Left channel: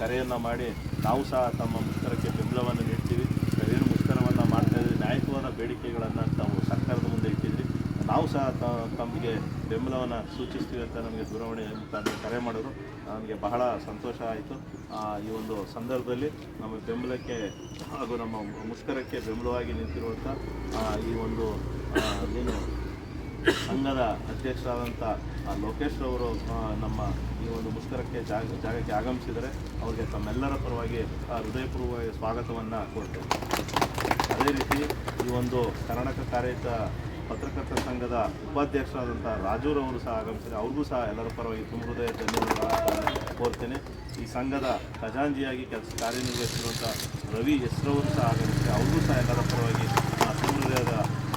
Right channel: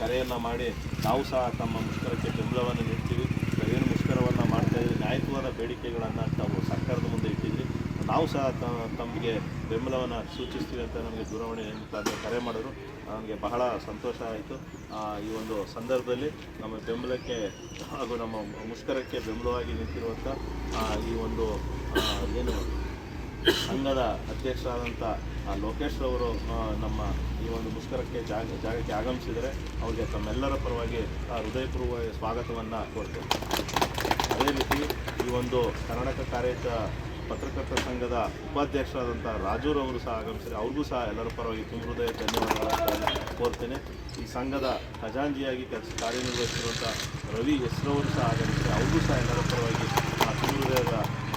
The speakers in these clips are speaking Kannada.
ಕರೆಯನ್ನು ಮಾಡಿ ನಾವು ಸಹ ತಮ್ಮ ಮುಷ್ಕರಕ್ಕೆ ಬೆಂಬಲವನ್ನು ನೀಡ್ತೀವಿ. ಏನು ಮುಷ್ಕರವನ್ನು ಮಾಡ್ತಾಯಿದ್ವಿ, ನ್ಯಾಯಯುತವಾದ ಬೇಡಿಕೆಗಳನ್ನು ತಾವು ಸರ್ಕಾರದ ಮುಂದೆ ಇಟ್ಟಿದ್ರಿ, ನಾವು ಸಹ ತಮಗೆ ಬೆಂಬಲವನ್ನು ಸೂಚಿಸ್ತೀವಿ ಅಂತ ನಮಗೆ ದೂರವಾಣಿ ಮುಖಾಂತರ ಕರೆ ಮಾಡಿದ್ರು. ನನಗೆ ಬಹಳ ಸಂತೋಷ ಆಯಿತು. ಈ ಒಂದು ಸಂದರ್ಭದಲ್ಲಿ ನಮ್ಮ ಬೆಂಬಲಕ್ಕೆ ಹಾಗೂ ನಮ್ಮ ಮುಷ್ಕರಕ್ಕೆ ಬೆಂಬಲವಾಗಿ ನಿಂತಿರುವಂಥ ಈ ಒಂದು ಏನು ಸಂಘದ ಅಧ್ಯಕ್ಷರಾದಂಥ ಲೋಕೇಶ್ ಅವರು ನಮ್ಮ ಈ ಒಂದು ಮುಷ್ಕರಕ್ಕೆ ಜಾಗಕ್ಕೆ ಆಗಮಿಸಿದರೆ ಅವರಿಗೆ ತಮ್ಮೆಲ್ಲರ ಪರವಾಗಿ ಹೃದಯಪೂರ್ವಕ ಸ್ವಾಗತವನ್ನು ಕೊಡ್ತೇವೆ. ಅದೇ ರೀತಿ ಈ ಒಂದು ಕರ್ನಾಟಕ ಕಾರ್ಯಯುತ ಪತ್ರಕರ್ತರ ಸಂಘದ ಉಪಾಧ್ಯಕ್ಷರಾದಂಥ ರಾಜೂರವರು ಸಹ ಆಗಮಿಸಿದರೆ ಅವ್ರಿಗೂ ಸಹ ಎಲ್ಲರ ಪರವಾಗಿ ತುಂಬ ಹೃದಯ ಧನ್ಯವಾದಗಳನ್ನು ಕೋರ್ತೇನೆ. ಈ ಸಂಘದ ಖಜಾಂಚಿಯಾಗಿ ಕಾರ್ಯನಿರ್ವಹಿಸಿರುವಂಥ ರವಿ ಹೆಸರವರು ಸಹ ಆಗಮಿಸಿದರೆ ಅವ್ರಿಗೂ ಸಹ ಎಲ್ಲರ ಪರವಾಗಿ ತುಂಬ ಹೃದಯದ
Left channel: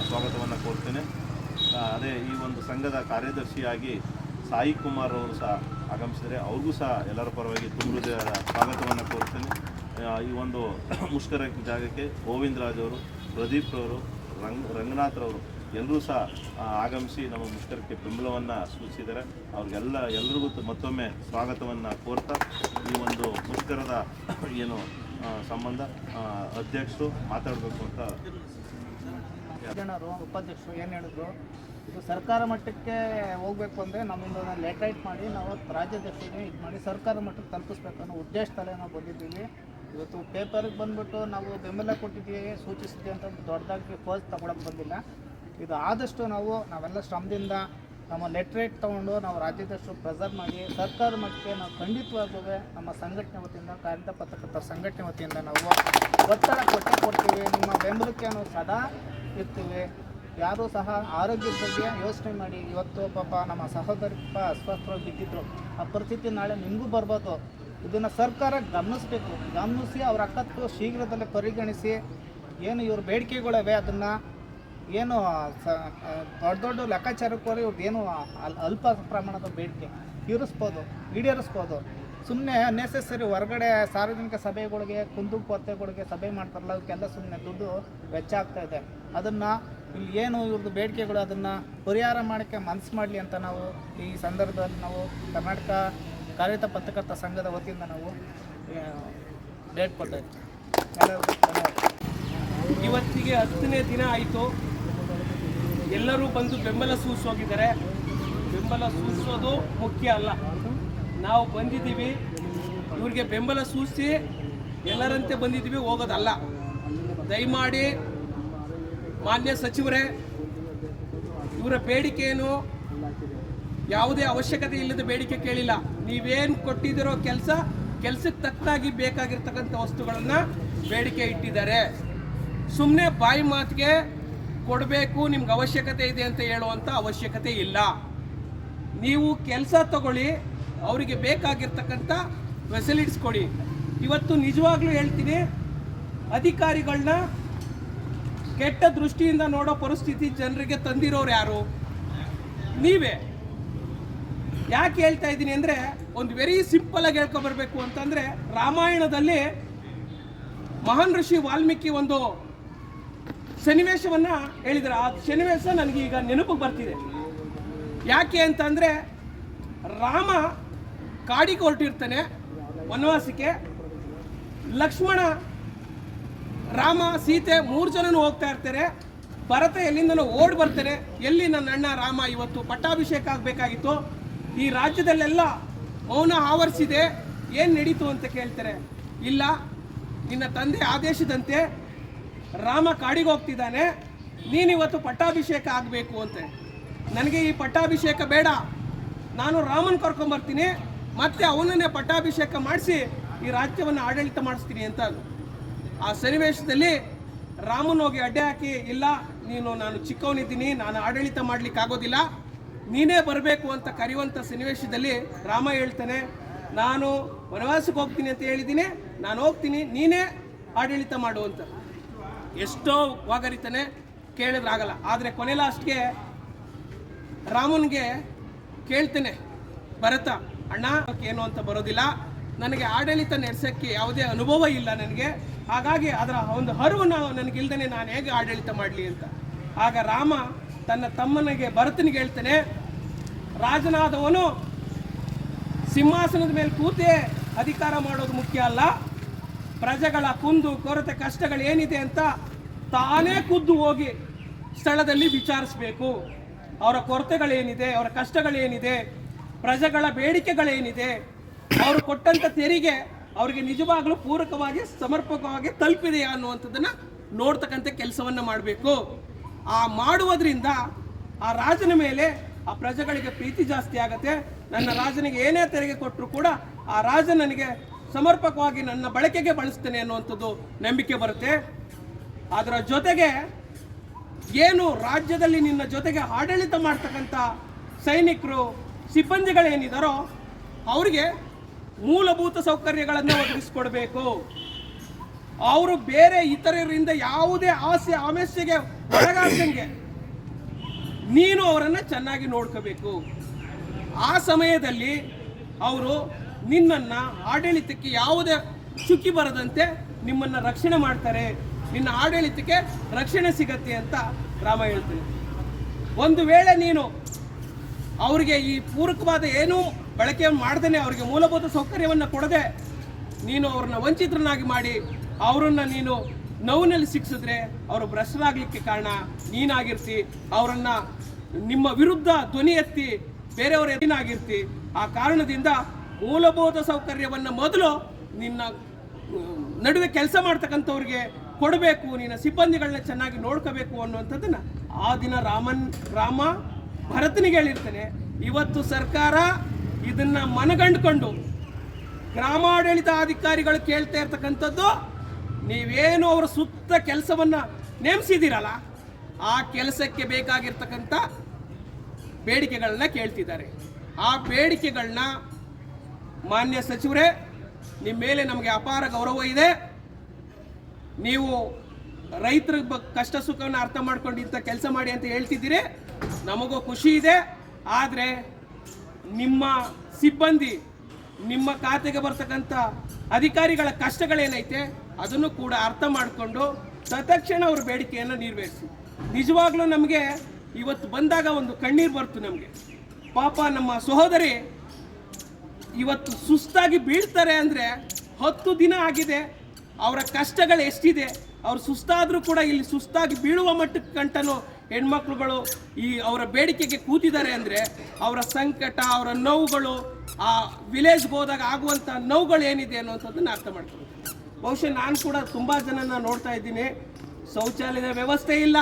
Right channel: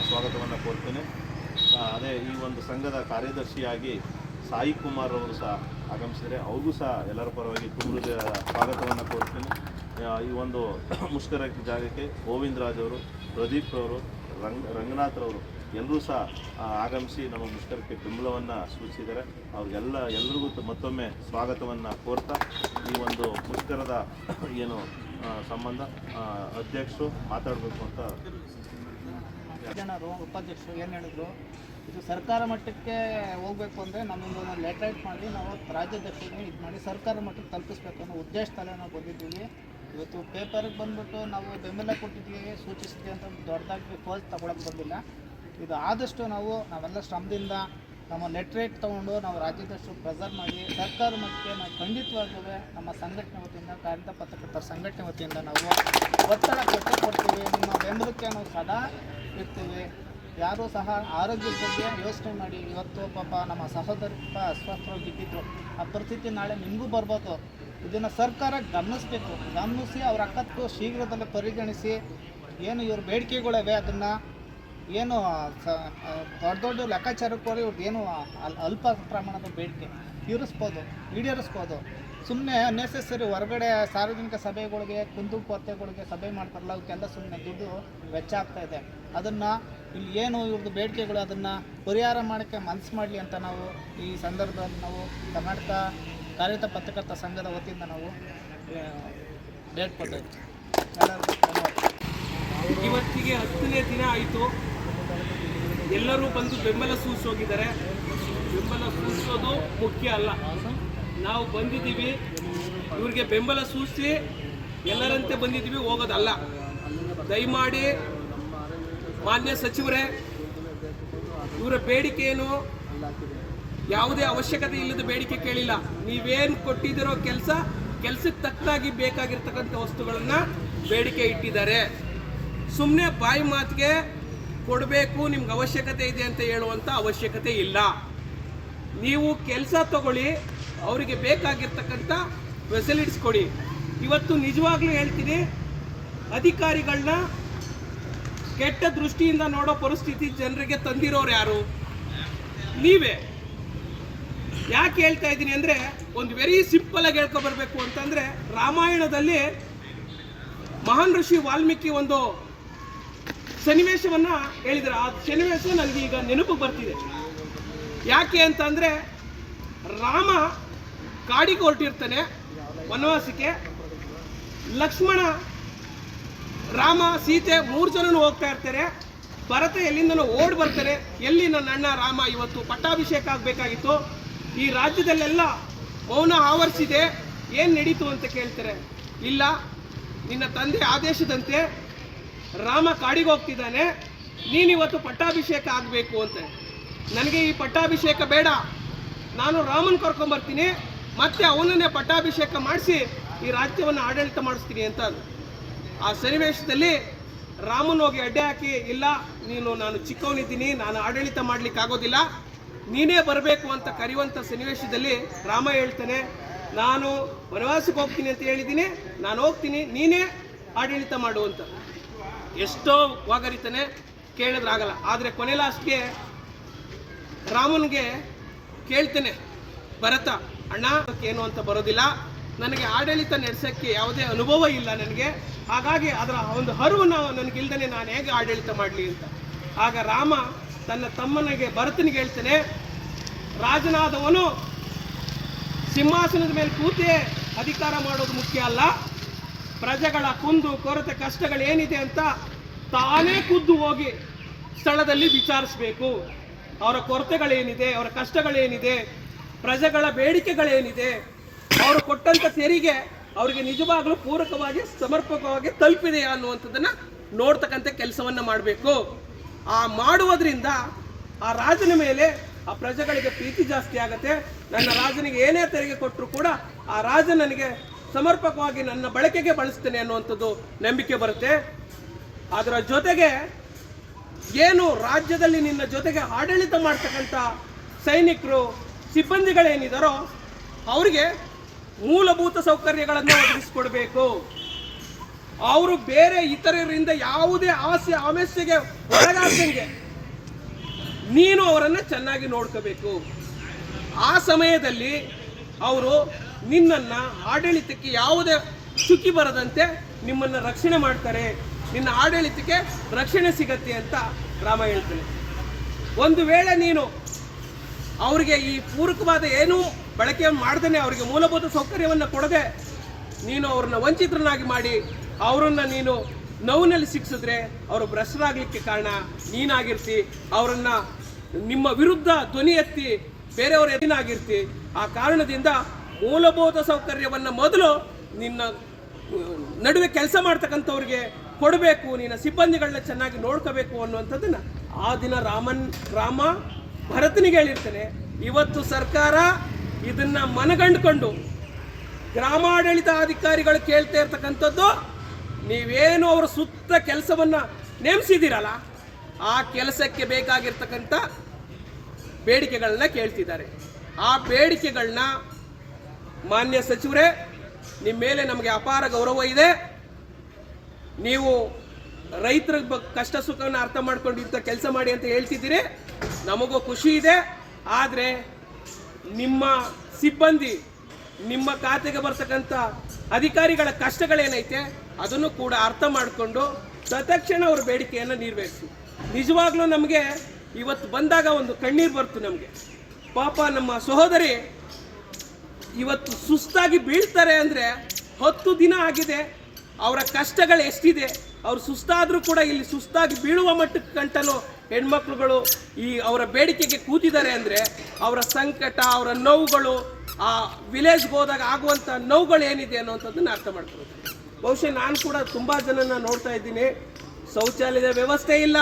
ಸ್ವಾಗತವನ್ನು ಕೋರ್ತೇನೆ. ಅದೇ ಈ ಒಂದು ಸಂಘದ ಕಾರ್ಯದರ್ಶಿಯಾಗಿ ಸಾಯಿ ಕುಮಾರ್ ಅವರು ಸಹ ಆಗಮಿಸಿದರೆ ಅವ್ರಿಗೂ ಸಹ ಎಲ್ಲರ ಪರವಾಗಿ ತುಂಬ ಹೃದಯದ ಸ್ವಾಗತವನ್ನು ಕೋರ್ತೇನೆ. ಈ ಒಂದು ಮುಷ್ಕರ ಜಾಗಕ್ಕೆ ಗೋವಿಂದ ರಾಜ್ ಅವರು, ಪ್ರದೀಪ್ ಅವರು, ರಂಗನಾಥ್ರವರು ಎಲ್ಲರೂ ಸಹ ಆಗಮಿಸಿ ನಮ್ಮ ಮುಷ್ಕರಕ್ಕೆ ಬೆಂಬಲವನ್ನು ಸೂಚಿಸಿದ್ದಾರೆ. ಎಲ್ರಿಗೂ ಮತ್ತೊಮ್ಮೆ ಸ್ವಾಗತವನ್ನು ಕೋರ್ತಾ ಈ ಒಂದು ಮುಷ್ಕರದ ಏನು ಸಂಬಂಧ ಅಧ್ಯಕ್ಷರು ಮಾತಾಡಬೇಕು ಅಂತ ಜನರು ಉಪಾಧ್ಯಕ್ಷರು ಏನು ಹೇಳಿದ್ರು, ಇದು ಸರ್ಕಾರ ಮಟ್ಟಕ್ಕೆ ಹೋಗಬೇಕು ಅಂದರೆ ನಮ್ಮೊಂದು ಲೆಟರ್ ಮಾಡಿ ನಾವು ರಾಜ್ಯಾಧ್ಯಕ್ಷರಿಗೆ ಇದು ಮಾಡಿ ಸರ್ಕಾರ ಮಟ್ಟಕ್ಕೆ ತಲುಪಿಸ್ಬೇಕು ಅನ್ನೋ ಉದ್ದೇಶದಲ್ಲೇ ನಾವು ಬಂದಿದ್ದೀವಿ. ಇವತ್ತು ಪೇಪರ್ಗೆ ಬಂದುಬಿಟ್ಟು ನಾವು ಬೆಂಬಲ ಕೊಟ್ಟಿದ್ದೀವಿ, ಸೂಚಿಸಿದ್ದೀವಿ ಅಂತ ದೊಡ್ಡದಾಗಿ ಫೋರ್ಸ್ ತಗೊಳಕ್ಕೆ ಬಂದಿಲ್ಲ. ಇದು ಆದಷ್ಟು ನಾವೆಲ್ಲ ಶ್ರಮದಿಂದ ನಮ್ಮ ಲೆಟ್ರೇಟ್ ತೊಗೊಂಡು ನಾವು ರಾಜ್ಯಾಧ್ಯಕ್ಷರು ಪ್ರೆಸರ್ ಮಾಡಿ ಸರ್ಕಾರ ಮಟ್ಟಕ್ಕೆ ನಾವು ಖಂಡಿತವಾಗೂ ನಮ್ಮ ಸಂಘಟನೆ ವತಿಯಿಂದ ಕಾರ್ಯನಿರತ ಪತ್ರಕರ್ತರ ಸಂಘಟನೆ ವತಿಯಿಂದ ನಾವು ಒತ್ತಡ ಕೊಡ್ತೀವಿ. ನಿಮ್ಮ ಬೆಂಬಲಕ್ಕೆ ನಾವು ಸದಾ ಇರ್ತೀವಿ. ಯಾರೂ ಸಹ ಆರೋಗ್ಯದ ಬಗ್ಗೆ ಯೋಚನೆ ಮಾಡಿ, ಇವತ್ತು ಪಾಪ ನಮ್ಮ ಸಹೋದರಿ ಅಸ್ವಸ್ಥರಾಗಿ ಬಿದ್ದಿದ್ರು, ಆ ಪರಿಸ್ಥಿತಿ ನಾಳೆ ನಿಮಗೂ ಬರ್ಬೋದು. ಇದನ್ನು ಸರ್ಕಾರ ಗಮನಿಸಿ ಅವ್ರ ಅಕ್ಕತ್ತು ಶೀಘ್ರದಲ್ಲೇ ಪರಿಗಣಿಸಿ ಏನು ಇವ್ರ ಬೇಡಿಕೆಗಳಿವೆ ಅದನ್ನು ಏನು ದೊಡ್ಡ ಲೆಕ್ಕಾಚಾರಕ್ಕೆ ಇವ್ರದ್ದು ಏನು ಅಲ್ಪ ಪ್ರಮಾಣದ ಬೇಡಿಕೆ ಈಡೇರಿಸ್ಬೋದು. ಸುಮ್ಮನೆ ಅನ್ನೆಸೆಸರಿ ಹೊರಗಡೆ ಸಾರ್ವಜನಿಕ ಸಭೆಗಳಿಗೆ ಕುಂದುಕೊರತೆಗಳಿಗೆ ಸಭೆ ಮಾಡ್ತಾರಲ್ಲ, ಅವಕ್ಕೆಲ್ಲ ಸುಮ್ಮನೆ ದುಡ್ಡು ವೆಚ್ಚ ಆಗ್ತಾಯಿದೆ. ಅದನ್ನು ಇಲ್ಲಿ ಏನು ಇವ್ರದ್ದು ಬೇಡಿಕೆಗಳು ಅದನ್ನು ಪರಿಹಾರ ಮಾಡೋಕ್ಕೆ ಮನಸ್ಸು ಮಾಡಲಿ ಅಂತ ನಾವು ಈ ಸಂದರ್ಭದಲ್ಲಿ ನಾವು ಕರ್ನಾಟಕ ಕಾರ್ಯನಿರತ ಪತ್ರಕರ್ತರ ಸಂಘದ ವತಿಯಿಂದ ನಾವು ಬೇಡ್ಕೊಳ್ತಾ ಇದ್ದೀವಿ. ಇವತ್ತಿಗೆ 10ನೇ ದಿನ ಆಯಿತು. ಎಲ್ಲರೂ ಬಂದು ಬೆಂಬಲ ಸೂಚಿಸೋಗಿದ್ದಾರೆ. ಬೆಂಬಲ ಸೂಚಿಸೋದು ಮುಖ್ಯ ಅಲ್ಲ, ನಾವು ಬಂದಿದ್ದೀವಿ ಇವ್ರಿಗೆ ಬೆಂಬಲ ಸೂಚಿಸಿ ಎಲ್ಲರಂತೆ ಬಂದಿದ್ದೀವಿ, ಹೋಗೋದಲ್ಲ. ದಯಮಾಡಿ ಮಾನ್ಯ ಸಚಿವರೇ, ಇವರ ಬೇಡಿಕೆ ಏನು ಯಾವುದೇ ಅವಶ್ಯಕತೆ ಇಲ್ಲದ ಬೇಡಿಕೆ ಕೇಳಿಲ್ಲ. ನೀವೇನು ಕೊಟ್ಟಿದ್ದೀರೋ ಕೆಲಸಕ್ಕೆ ತಕ್ಕನಾಗಿ ಬೇಕಾಗಿರ್ತಕ್ಕಂಥ ವಸ್ತುಗಳನ್ನು ಬೇಡಿಕೆ ಇಟ್ಟಿದ್ದಾರೆ. ಸುಮ್ಮನೆ ಬಾಯಿ ಮಾತಿಗೆ ಕೊಡಬೇಕು, ನಿಮ್ಗೆ ಅವಶ್ಯಕತೆ ಇದೆ ಅಂತ ಹೇಳುವಂಥ ಅವಶ್ಯಕತೆ ಇಲ್ಲ. ನೀವು ಕೆಲಸ ತಗೊಳ್ಳಿ, ಅವರಿಗೆ ಬೇಕಾಗಿರ್ತಕ್ಕಂಥ ಫೆಸಿಲಿಟೀಸ್ ಕೊಡಿ. ಇವತ್ತು ನಿಜವಾಗ್ಲೂ ಹೇಳ್ತೀನಿ, ಅಧಿಕಾರಿಗಳನ್ನ ಕೆಟ್ಟ ದೃಷ್ಟಿಯಿಂದ ನೋಡೋ ಪರಿಸ್ಥಿತಿ ಜನರಿಗೆ ತಂದಿರೋರು ಯಾರು? ನೀವೇ. ಯಾಕೆ ಹೇಳ್ತಾ ಇದ್ದೀನಿ ಅಂದರೆ, ಒಂದು ವೆರಿ ಸಿಂಪಲ್ ಆಗಿ ಹೇಳ್ಕೊಬರ್ಬೇಕು ಅಂತಂದರೆ, ರಾಮಾಯಣದಲ್ಲಿ ಮಹಾನ್ ಋಷಿ ವಾಲ್ಮೀಕಿ ಒಂದು ಸನ್ನಿವೇಶವನ್ನು ಹೇಳಿದರೆ, ಆ ಸನ್ನಿವೇಶ ನನಗೆ ಈಗ ನೆನಪಿಗೆ ಬರ್ತಿದೆ. ಯಾಕೆ ಅಂತಂದರೆ, ರಾಮ ಕಾಡಿಗೆ ಹೊರಟಿರ್ತಾನೆ ವನವಾಸಕ್ಕೆ. ಲಕ್ಷ್ಮಣ, ರಾಮ, ಸೀತೆ 3 ಜನನೂ ಹೋಗ್ತಾ ಇರ್ತಾರೆ. ಭರತ ಎಲ್ಲಿಂದನೋ ಓಡಿ ಬರ್ತಾರೆ, ಎಲ್ಲಿ ನನ್ನ ಅಣ್ಣ ರಾಮ ಇವತ್ತು ಪಟ್ಟಾಭಿಷೇಕ ಆಗಬೇಕಾಗಿತ್ತು, ಈ ರಾಜ್ಯದಲ್ಲೆಲ್ಲ ಮೌನ ಆವರಿಸಿದೆ, ಏನು ನಡೀತು ಅಂತ ಕೇಳ್ತಾರೆ. ಇಲ್ಲ, ನಿನ್ನ ತಂದೆ ಆದೇಶದಂತೆ ರಾಮ ಕಾಡಿಗೆ ಹೋಗ್ತಿದ್ದಾನೆ, ನೀನಿವತ್ತು ಪಟ್ಟಾಭಿಷೇಕ ಆಗಬೇಕು ಅಂತ. ನನಗೆ ಈ ಪಟ್ಟಾಭಿಷೇಕ ಬೇಡ, ನಾನು ರಾಮನ ಕರ್ಕೊಂಬರ್ತೀನಿ, ಮತ್ತೆ ಅವನನ್ನೇ ಪಟ್ಟಾಭಿಷೇಕ ಮಾಡಿಸಿ ಈ ರಾಜ್ಯವನ್ನು ಆಡಳಿತ ಮಾಡಿಸ್ತೀನಿ ಅಂತ. ಆ ಸನ್ನಿವೇಶದಲ್ಲಿ ರಾಮನ ಹೋಗಿ ಅಡ್ಡೆ ಹಾಕಿ, ಇಲ್ಲ ನಾನು ಚಿಕ್ಕವನಿದ್ದೀನಿ, ನಾನು ಆಡಳಿತ ಮಾಡಲಿಕ್ಕಾಗೋದಿಲ್ಲ, ನೀನೇ ಬರಬೇಕು ಅಂತ ಕರೆಯುವಂಥ ಸನ್ನಿವೇಶದಲ್ಲಿ ರಾಮ ಹೇಳ್ತಾನೆ, ನಾನು ವನವಾಸಕ್ಕೆ ಹೋಗ್ತೀನಿ ಅಂತ ಹೇಳಿದ್ದೀನಿ, ನಾನು ಹೋಗ್ತೀನಿ, ನೀನೇ ಆಡಳಿತ ಮಾಡು ಅಂತ. ಎಷ್ಟೋ ವಾಗರಿತಾನೆ, ಕೇಳಿದ್ರಾಗಲ್ಲ. ಆದರೆ ಕೊನೆ ಲಾಸ್ಟ್ಗೆ ರಾಮನಿಗೆ ಕೇಳ್ತೇನೆ, ಭರತ ಅಣ್ಣ ಏನು ಅಂತ ಬರೋದಿಲ್ಲ, ನನಗೆ ಆಡಳಿತ ನಡೆಸೋಕ್ಕೆ ಯಾವುದೇ ಅನುಭವ ಇಲ್ಲ ನನಗೆ, ಹಾಗಾಗಿ ಅದರ ಒಂದು ಅರಿವು ನನಗಿಲ್ದೇ ನಾನು ಹೇಗೆ ಆಡಳಿತ ಮಾಡಲಿ ಅಂತ. ಆಗ ರಾಮ ತನ್ನ ತಮ್ಮನಿಗೆ ಭರತನಿಗೆ ಹೇಳ್ತಾನೆ, ರಾಜನಾದವನು ಸಿಂಹಾಸನದ ಮೇಲೆ ಕೂತೆ ಅಧಿಕಾರ ಮಾಡೋದು ಮುಖ್ಯ ಅಲ್ಲ, ಪ್ರಜೆಗಳ ಕುಂದು ಕೊರತೆ ಕಷ್ಟಗಳೇನಿದೆ ಅಂತ ತಾನೇ ಖುದ್ದು ಹೋಗಿ ಸ್ಥಳದಲ್ಲಿ ವಿಚಾರಿಸಬೇಕು. ಅವರ ಕೊರತೆಗಳೇನಿದೆ, ಅವರ ಕಷ್ಟಗಳೇನಿದೆ, ಪ್ರಜೆಗಳ ಬೇಡಿಕೆಗಳೇನಿದೆ, ಅವರು ಕೊಟ್ಟಂಥ ತೆರಿಗೆ ಅವರಿಗೆ ನಿಜವಾಗ್ಲೂ ಪೂರಕವಾಗಿ ಸಮರ್ಪಕವಾಗಿ ತಲುಪಿದೆಯಾ ಅನ್ನುವಂಥದ್ದನ್ನ ನೋಡ್ತಕ್ಕಂಥ ಕೆಲಸವನ್ನ ಮಾಡಬೇಕು. ಆ ಮಾಡುವುದರಿಂದ ಆ ರಾಜನ ಮೇಲೆ ಆ ಪ್ರಜೆಗಳಿಗೆ ಪ್ರೀತಿ ಜಾಸ್ತಿ ಆಗುತ್ತೆ. ನನ್ನ ರಾಜನಿಗೆ ಏನೇ ತೆರಿಗೆ ಕೊಟ್ಟರು ಕೂಡ ಆ ರಾಜ ನನಗೆ ಸಮರ್ಪಕವಾಗಿ ನನ್ನ ಬಳಕೆಗೆ ಬಳಸ್ತೇನೆ ಅನ್ನುವಂಥದ್ದು ನಂಬಿಕೆ ಬರುತ್ತೆ. ಅದರ ಜೊತೆಗೆ ಏನು ರಾಜ್ಯದಲ್ಲಿ ನಿನ್ನ ಜೊತೆಗೆ ಆಡಳಿತ ಮಾಡ್ತಕ್ಕಂಥ ಸೈನಿಕರು ಸಿಬ್ಬಂದಿಗಳೇನಿದಾರೋ ಅವರಿಗೆ ಮೂಲಭೂತ ಸೌಕರ್ಯಗಳನ್ನು ಒದಗಿಸಿಕೊಡ್ಬೇಕು. ಅವರು ಬೇರೆ ಇತರರಿಂದ ಯಾವುದೇ ಆಮಿಷಗೆ ಒಳಗಾಗ್ದಂಗೆ ನೀನು ಅವರನ್ನು ಚೆನ್ನಾಗಿ ನೋಡ್ಕೋಬೇಕು. ಆ ಸಮಯದಲ್ಲಿ ಅವರು ನಿನ್ನನ್ನು ಆಡಳಿತಕ್ಕೆ ಯಾವುದೇ ಚುಕ್ಕಿ ಬರದಂತೆ ನಿಮ್ಮನ್ನು ರಕ್ಷಣೆ ಮಾಡ್ತಾರೆ, ನಿನ್ನ ಆಡಳಿತಕ್ಕೆ ರಕ್ಷಣೆ ಸಿಗತ್ತೆ ಅಂತ ರಾಮ ಹೇಳ್ತಾನೆ. ಒಂದು ವೇಳೆ ನೀನು ಅವರಿಗೆ ಈ ಪೂರಕವಾದ ಏನೂ ಬಳಕೆ ಮಾಡ್ದೇನೆ, ಅವರಿಗೆ ಮೂಲಭೂತ ಸೌಕರ್ಯವನ್ನು ಕೊಡದೆ ನೀನು ಅವ್ರನ್ನ ವಂಚಿತರನ್ನಾಗಿ ಮಾಡಿ ಅವರನ್ನು ನೀನು ನೋವಿನಲ್ಲಿ ಸಿಕ್ಕಿಸಿದ್ರೆ ಅವರು ಭ್ರಷ್ಟರಾಗಲಿಕ್ಕೆ ಕಾರಣ ನೀನಾಗಿರ್ತಿ. ಅವರನ್ನು ನಿಮ್ಮ ವಿರುದ್ಧ ಧ್ವನಿ ಎತ್ತಿ ಬೇರೆಯವರ ಎದಿನಾಗಿರ್ತಿ. ಆ ಕಾರಣದಿಂದ ಮೂಲಭೂತ ಸೌಕರ್ಯವನ್ನು ಮೊದಲು ನಿನ್ನ ನಡುವೆ ಕೆಲಸ ಮಾಡ್ತಕ್ಕಂಥವ್ರಿಗೆ ಕೊಡಬೇಕು, ನಿನ್ನ ಸಿಬ್ಬಂದಿಗಳನ್ನ ಚೆನ್ನಾಗಿ ನೋಡ್ಕೋಬೇಕು ಅನ್ನುವಂಥದ್ದನ್ನ ಆ ದಿನ ರಾಮ ಭರತನಿಗೆ ಹೇಳಿರ್ತೇನೆ. ಇವತ್ತು ಸರ್ಕಾರ ಇದನ್ನ ಮನಗಂಡುಕೊಂಡು ಗ್ರಾಮಾಡಳಿತ ಅಧಿಕಾರಿಗಳು ಕೇಳ್ತಾ ಇರ್ತಕ್ಕಂಥದ್ದು, ನೀವೇನು ಅವ್ರ ಸುತ್ತ ಕೆಲಸವನ್ನ ನೇಮಿಸಿದ್ದೀರಲ್ಲ ಆ ಕೆಲಸಕ್ಕೆ ಬೇಕಾಗಿರ್ತಕ್ಕಂಥ ಬೇಡಿಕೆಗಳನ್ನ ಕೇಳ್ತಿದ್ದಾರೆ. ಆ ಬೇಡಿಕೆಗಳನ್ನ ಮಾನ್ಯ ಸಚಿವರೇ, ನಿಮ್ಮ ಮೇಲೆ ನಮಗೆ ಅಪಾರ ಗೌರವ ಇದೆ. ನೀವು ರೈತರ ಕಷ್ಟ ಸುಖವನ್ನು ಅರ್ಥ ಮಾಡ್ಕೊಂಡು ಇಂಥ ಕೆಲಸ ಮಾಡಿ ಅಂತ ಹೇಳ್ತಿದ್ದೀರಿ, ನಮಗೂ ಖುಷಿ ಇದೆ. ಆದರೆ ನಿಮ್ಮ ಸಿಬ್ಬಂದಿ, ನಿಮ್ಮ ಖಾತೆಗೆ ಬರ್ತಕ್ಕಂಥ ಅಧಿಕಾರಿಗಳ ಕಷ್ಟಗಳೇನೈತೆ ಅದನ್ನು ಕೂಡ ಅರ್ಥ ಮಾಡಿಕೊಂಡು ತತ್ಕ್ಷಣ ಅವರ ಬೇಡಿಕೆಯನ್ನು ನಿರ್ವಹಿಸಿ. ನಿಜವಾಗ್ಲೂ ನಮಗೆ ಇವತ್ತು ಬಂದಾಗ ಒಂದು ಕಣ್ಣೀರು ಬರ್ತು ನಮಗೆ. ಪಾಪ ನಮ್ಮ ಸಹೋದರಿ ಇವತ್ತು ಸುಸ್ತಾಗಿ ಬೀಳ್ತಾರೆ ಅಂದರೆ 10 ದಿನ ಆಗಿದೆ. ಅವರ ಕಷ್ಟಗಳು ಎಷ್ಟಿದೆ, ಅವ್ರು ಸುಸ್ತಾದರೂ ಕೂಡ ಇಲ್ಲಿ ಸುಸ್ತಾಗಿ ಬೀಳುವ ಮಟ್ಟಕ್ಕೆ ಗಂಟನು ಹೆಣ್ಮಕ್ಳುಗಳು ಈ ಅವರ ಬೇಡಿಕೆಗೆ ಕೂತಿದ್ದಾರೆ ಅಂದರೆ ಅವರ ಸಂಕಟ, ಅವರ ನೋವುಗಳು, ಆ ವಿಲೇಜ್ಗೆ ಹೋದಾಗ ಆಗುವಂಥ ನೋವುಗಳು ಏನಿದೆ ಅನ್ನೋಂಥದ್ದನ್ನು ಅರ್ಥ ಮಾಡ್ಕೊಳ್ತೀನಿ. ಬಹುಶಃ ನಾನು ಕೂಡ ತುಂಬ ಜನನ ನೋಡ್ತಾ ಇದ್ದೀನಿ, ಶೌಚಾಲಯದ ವ್ಯವಸ್ಥೆ ಇಲ್ಲ.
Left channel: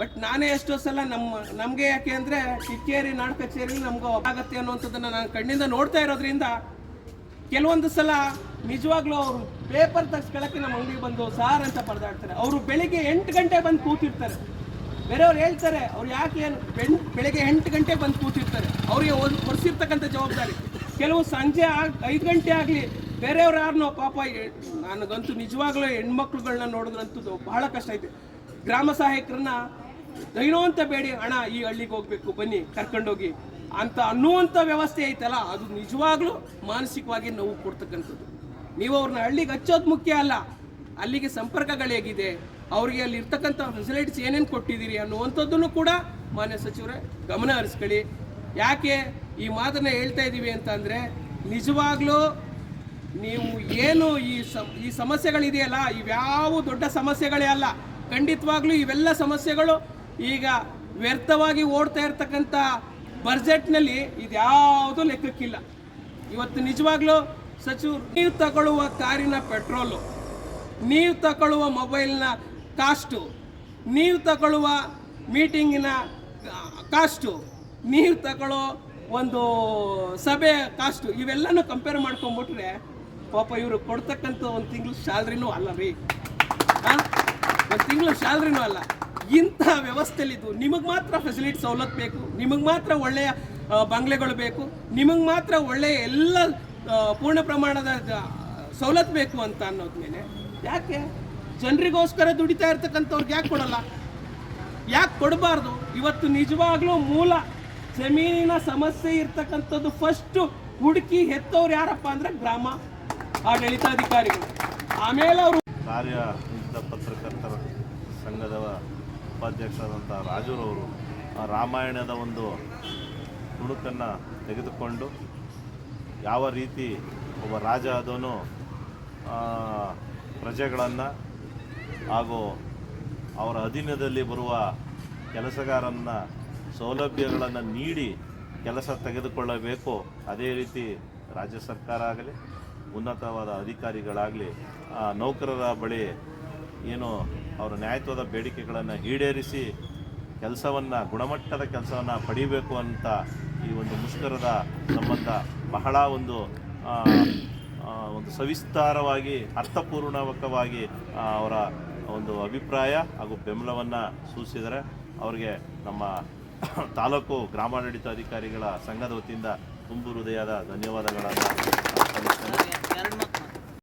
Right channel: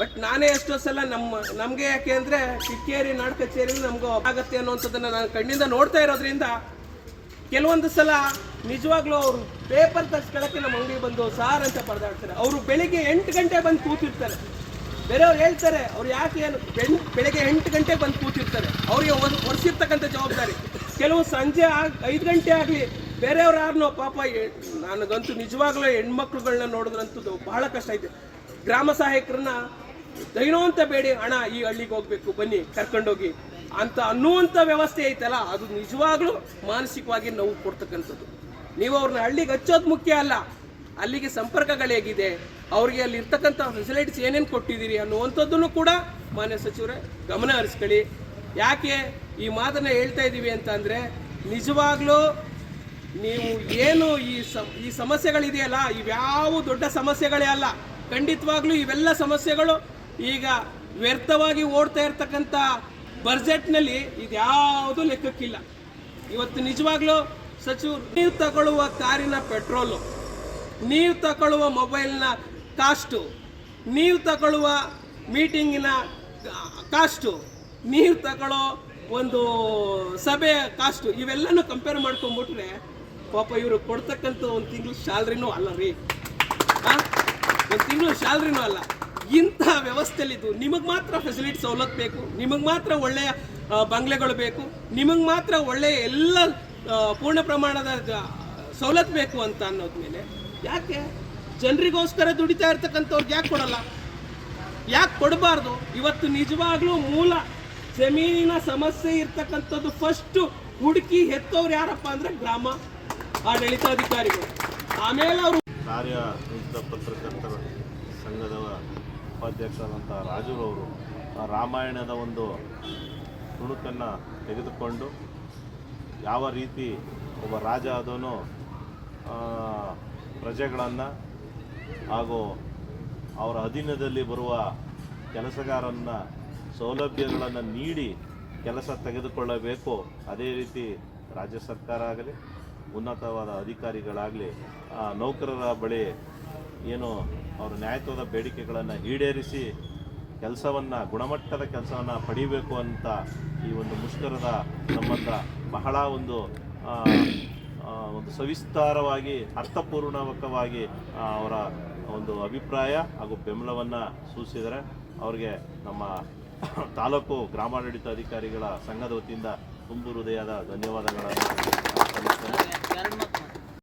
ಬಟ್ ನಾನೇ ಎಷ್ಟೋ ಸಲ ನಮಗೆ ಯಾಕೆ ಅಂದರೆ ಕಿಕ್ಕೇರಿ ನಾಡ ಕಚೇರಿಯಲ್ಲಿ ನಮಗೂ ಆಗತ್ತೆ ಅನ್ನೋಂಥದ್ದನ್ನು ನಾನು ಕಣ್ಣಿಂದ ನೋಡ್ತಾ ಇರೋದ್ರಿಂದ ಕೆಲವೊಂದು ಸಲ ನಿಜವಾಗ್ಲೂ ಅವರು ಪೇಪರ್ ತರಿಸ್ಕೊಳ್ಳೋಕ್ಕೆ ನಮ್ಮ ಅಂಗಡಿಗೆ ಬಂದು ಸಾರ್ ಅಂತ ಪರದಾಡ್ತಾರೆ. ಅವರು ಬೆಳಿಗ್ಗೆ 8 ಗಂಟೆ ಬಂದು ಕೂತಿರ್ತಾರೆ. ಬೇರೆಯವ್ರು ಹೇಳ್ತಾರೆ ಅವ್ರು ಯಾಕೆ ಏನು ಬೆಳಗ್ಗೆ 8 ಗಂಟೆ ಬಂದು ಕೂತಿರ್ತಾರೆ, ಅವರಿಗೆ ಹೊರಿಸಿರ್ತಕ್ಕಂಥ ಜವಾಬ್ದಾರಿ. ಕೆಲವು ಸಂಜೆ 5 ಗಂಟೆ ಆಗಲಿ ಬೇರೆಯವ್ರು ಯಾರನ್ನೋ ಪಾಪ, ನನಗಂತೂ ನಿಜವಾಗ್ಲೂ ಹೆಣ್ಮಕ್ಳುಗಳನ್ನ ನೋಡೋದಂತೂ ಬಹಳ ಕಷ್ಟ ಐತೆ. ಗ್ರಾಮ ಸಹಾಯಕರನ್ನ ದೈನೋ ಅಂತ ಬೇಡಿ, ಅಣ್ಣ ಈ ಹಳ್ಳಿಗೆ ಹೋಗ್ಬೇಕು ಬನ್ನಿ ಕರ್ಕೊಂಡೋಗಿ ಅಂತ ಅನ್ನುವಂಥ ವ್ಯವಸ್ಥೆ ಐತಲ್ಲ, ಅದು ನಿಜವಾಗ್ಲೂ ಮಾನಸಿಕವಾಗಿ ನೋವು ಕೊಡ್ತಕ್ಕಂಥದ್ದು. ನೀವು ಅವ್ರನ್ನ ಹಳ್ಳಿಗೆ ಹಚ್ಚೋದು ಮುಖ್ಯ ಅಲ್ಲ, ಅಲ್ಲಿಗೆ ಸಂಪರ್ಕಗಳು ಹೇಗಿದೆ, ಅವ್ರಿಗೆ ಅಲ್ಲಿ ಇರ್ತಕ್ಕಂಥ ಫೆಸಿಲಿಟೀಸ್ ಏನೇನು ಕೊಟ್ಟಿದ್ದೀರಿ ಅನ್ನುವಂಥದ್ದನ್ನು ಕೂಡ ಮಾನ್ಯ ಸಚಿವರೇ ಗಮನ ಹರಿಸ್ಕೊಳ್ಳಿ. ಯಾಕೆ ಈ ಮಾತನ್ನ ಹೇಳ್ತಾ ಇದ್ದೀವಿ ಅಂತ ಅಂದರೆ, ನಿಜವಾಗ್ಲೂ ನೀವು ಏನು ಈ ಸಮಸ್ಯೆಗಳಿದೆಯಲ್ಲ, ಇವ್ಯಾವ ದೊಡ್ಡ ಸಮಸ್ಯೆಗಳೇ ಅಲ್ಲ. ಖಂಡಿತವಾಗ್ಲೂ ಇವೆಲ್ಲ ಸಮಸ್ಯೆಗಳು ಈಗ ವ್ಯರ್ಥವಾಗಿ ಓಡ್ತಾ ಇರ್ತಕ್ಕಂಥ ಬಜೆಟ್ನಲ್ಲಿ ಇದ್ಯಾವುದೂ ಲೆಕ್ಕಕ್ಕಿಲ್ಲ. ಇವತ್ತು ನಿಜವಾಗ್ಲೂ ಸಚಿವರು, ನೀವು ತಗೊಳ್ಳುವ ಕಾರಿನ ಪೆಟ್ರೋಲು, ನೀವು ತಗೊಳ್ಳುವ ಮೊಬೈಲ್ನ ಕಾಸ್ಟು, ನೀವು ತಗೊಳ್ಳುವ ಮೀಟಿಂಗಿನ ಕಾಸ್ಟು, ನೀವು ತಗೊಳ್ಳೋ ಒಂದು ಸಭೆ ಕಾಸ್ಟು, ಇವೆಲ್ಲನೂ ಕಂಪೇರ್ ಮಾಡ್ಕೊಂಬಿಟ್ರೆ ಪಾಪ ಇವರು ಕೊಡ್ತಕ್ಕಂಥ ಒಂದು ತಿಂಗಳು ಸ್ಯಾಲ್ರಿನೂ ಅಲ್ಲ ರೀ, ಒಂದು ತಿಂಗಳು ಸ್ಯಾಲ್ರಿನೂ ಅಲ್ಲ. ಇಂಥ ವ್ಯವಸ್ಥೆಯಲ್ಲಿದ್ದು ನಿಮಗೆ ಮಾತ್ರ ಫೆಸಿಲಿಟಿ ಸವಲತ್ತು ಬೇಕು, ನಿಮಗೆ ಮಾತ್ರ ಒಳ್ಳೆಯ ಬಂಗ್ಲೆಗಳು ಬೇಕು, ನಿಮಗೆ ಮಾತ್ರ ಒಳ್ಳೆಯ ಎಲ್ಲ ಪೂರ್ಣ ಪ್ರಮಾಣದ ಸವಲತ್ತು ಬೇಕು ಅಂತ ಅನ್ನೋದ್ಮೇಲೆ ಯಾಕೆ ಜನರಿಗೋಸ್ಕರ ದುಡಿತಾ ಇರ್ತಕ್ಕಂಥವ್ರಿಗೆ ಯಾಕೆ ಕೊಡಲ್ಲ, ಯಾಕೆ ಕೊಡಬಾರ್ದು? ಇವತ್ತು ನಿಜವಾಗ್ಲೂ ಮೂಲ ಜಮೀನಿನ ಸಮಸ್ಯೆ ಇರ್ತಕ್ಕಂಥದ್ದು ಫಸ್ಟು ಹುಡುಕಿ ಹೆತ್ತವ್ರು ಯಾರಪ್ಪ ಅಂದರೆ ಗ್ರಾಮ ಆಡಳಿತಾಧಿಕಾರಿಗಳು. ಆಮೇಲೆ ಅವರು ಕಾರ್ಯನಿರತ ಪತ್ರಕರ್ತರ ಸಂಘದ ಉಪಾಧ್ಯಕ್ಷರಾದಂಥ ರಾಜುರವರು ರಾಮಾಯಣದ ಒಂದು ತುಣುಕನ್ನು ತೆಗೆದುಕೊಂಡು ಯಾವ ರೀತಿ ಒಬ್ಬ ರಾಜ ಆದವನು ಪ್ರಜೆಗಳನ್ನು ಹಾಗೂ ಅವರ ಅಧೀನದಲ್ಲಿ ಬರುವ ಕೆಲಸಗಾರನ ಸೌಲಭ್ಯಗಳನ್ನು ನೀಡಿ ಕೆಲಸ ತೆಗೆದುಕೊಳ್ಳಬೇಕು. ಅದೇ ರೀತಿ ರಾಜ್ಯ ಸರ್ಕಾರ ಆಗಲಿ ಉನ್ನತವಾದ ಅಧಿಕಾರಿಗಳಾಗಲಿ ನೌಕರರ ಬಳಿ ಏನು ಅವರ ನ್ಯಾಯಯುತವಾದ ಬೇಡಿಕೆಗಳನ್ನು ಈಡೇರಿಸಿ ಕೆಲಸವನ್ನು ಗುಣಮಟ್ಟದ ಕೆಲಸವನ್ನು ಪಡಿಬೇಕು ಅಂತ ಈ ಒಂದು ಮುಷ್ಕರದ ಸಂಬಂಧ ಬಹಳ ಒಂದು ಸವಿಸ್ತಾರವಾಗಿ ಅರ್ಥಪೂರ್ಣಕವಾಗಿ ಅವರ ಒಂದು ಅಭಿಪ್ರಾಯ ಹಾಗೂ ಬೆಂಬಲವನ್ನು ಸೂಚಿಸಿದರೆ ಅವರಿಗೆ ನಮ್ಮ ತಾಲೂಕು ಗ್ರಾಮಾಡಳಿತ ಅಧಿಕಾರಿಗಳ ಸಂಘದ ವತಿಯಿಂದ ತುಂಬು ಹೃದಯದ ಧನ್ಯವಾದಗಳನ್ನು ಸಲ್ಲಿಸ್ತೇನೆ.